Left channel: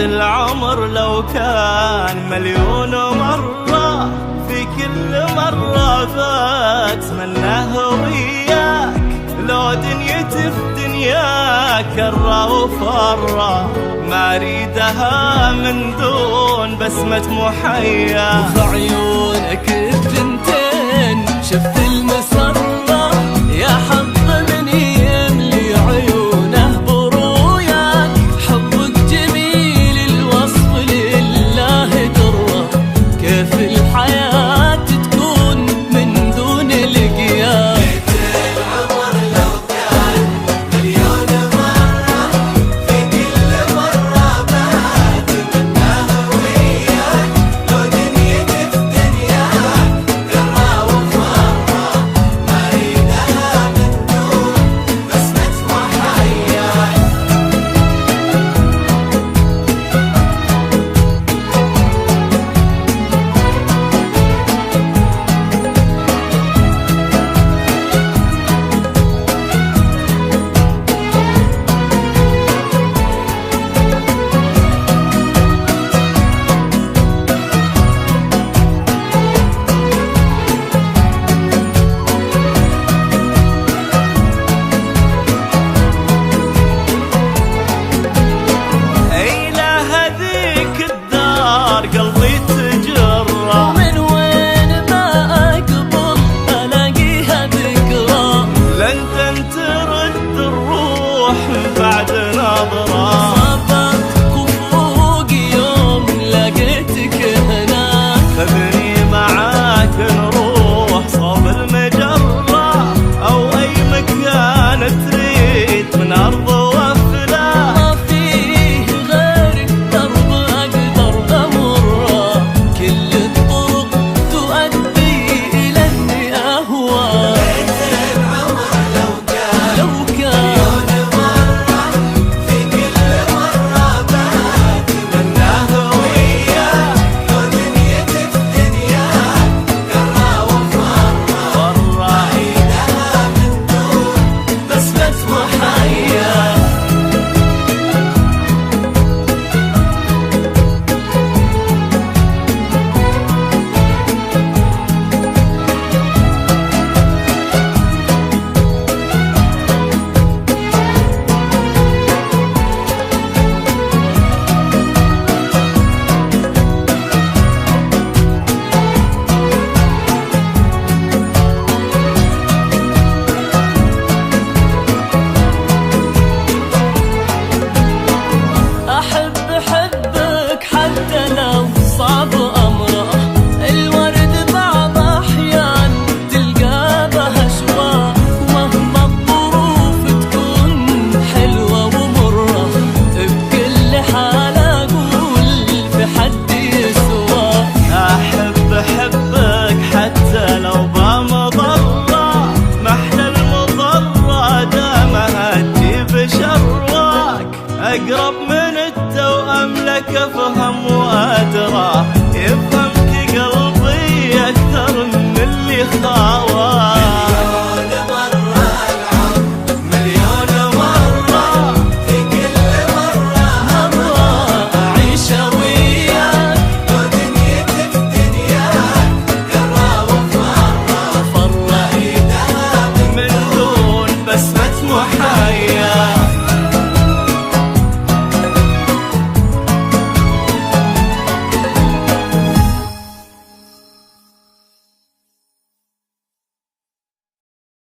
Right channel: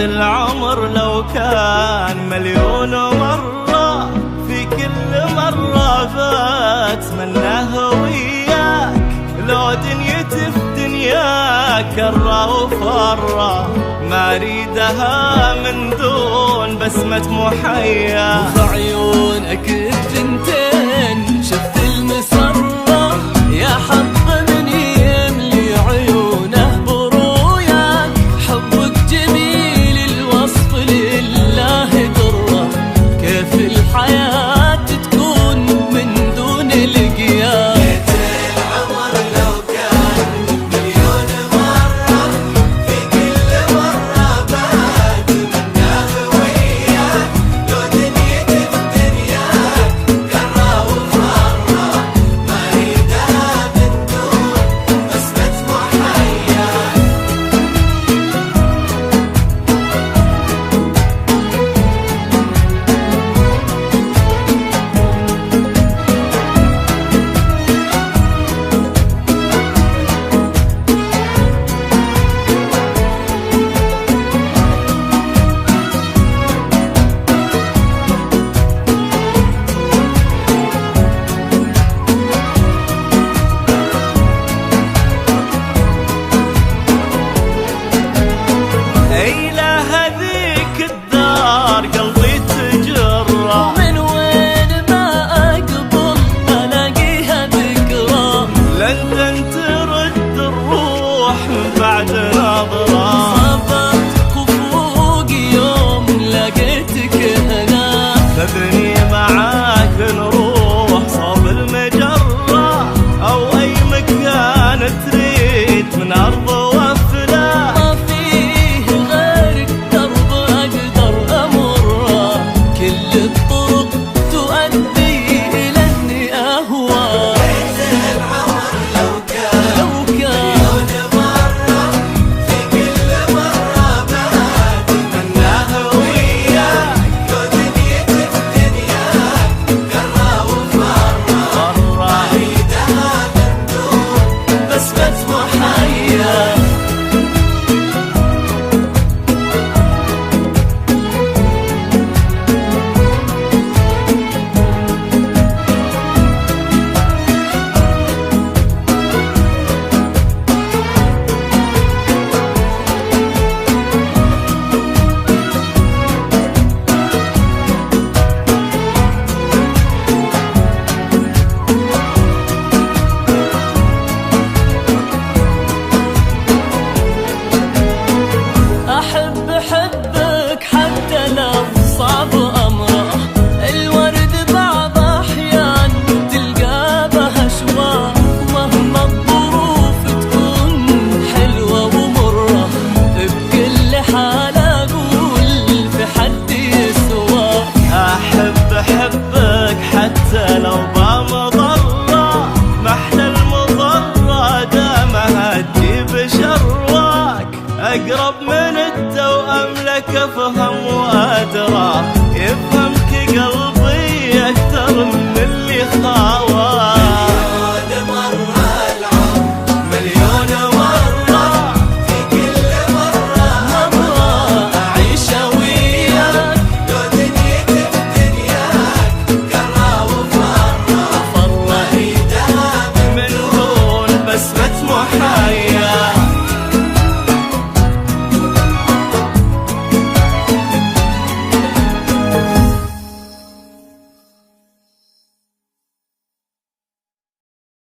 العمر لو كان مليون مرة، في كل مرة بتمناه وياك. لو دنيتي في دنياك كرة وفرة، ما اريدها من دون بسمة محيا. وفي عيونك الثنتين شفت المسرة، يا حظ من يملي عيونه بروياك. حبك جميل الوصف لله درة، كيف الحياة تكون من دون لقياك. قلبي تجرى، ومن وين ما أقبل ألاقيها ذكرى. لندن ترد الروح بعد نظرة. صبرت كفوق يوم لقيتك هنا، خذني معاك نروح صوب المجرة، أو أي مكان تريد من أرض وفلا. ما فيه غيرك درب أقدر أمره، كل الطرق تؤدي إلى إني أهوى. لو كان مناه وياك، فرة بسمة محيا. حبك حتى لو صعب أمره، الورد بعض أحيان تلقى بها شواء. ومهما الظروف تكون حلوة ومرة، بكل حال أقول في حد يسوى. أحبك حتى لو بمضرة، محلى المضرة دامها تجيب شرواك. أقرب من التوأم لك أفهم وأدرى، يفهمك قلبي أكثر من اللي خاواك.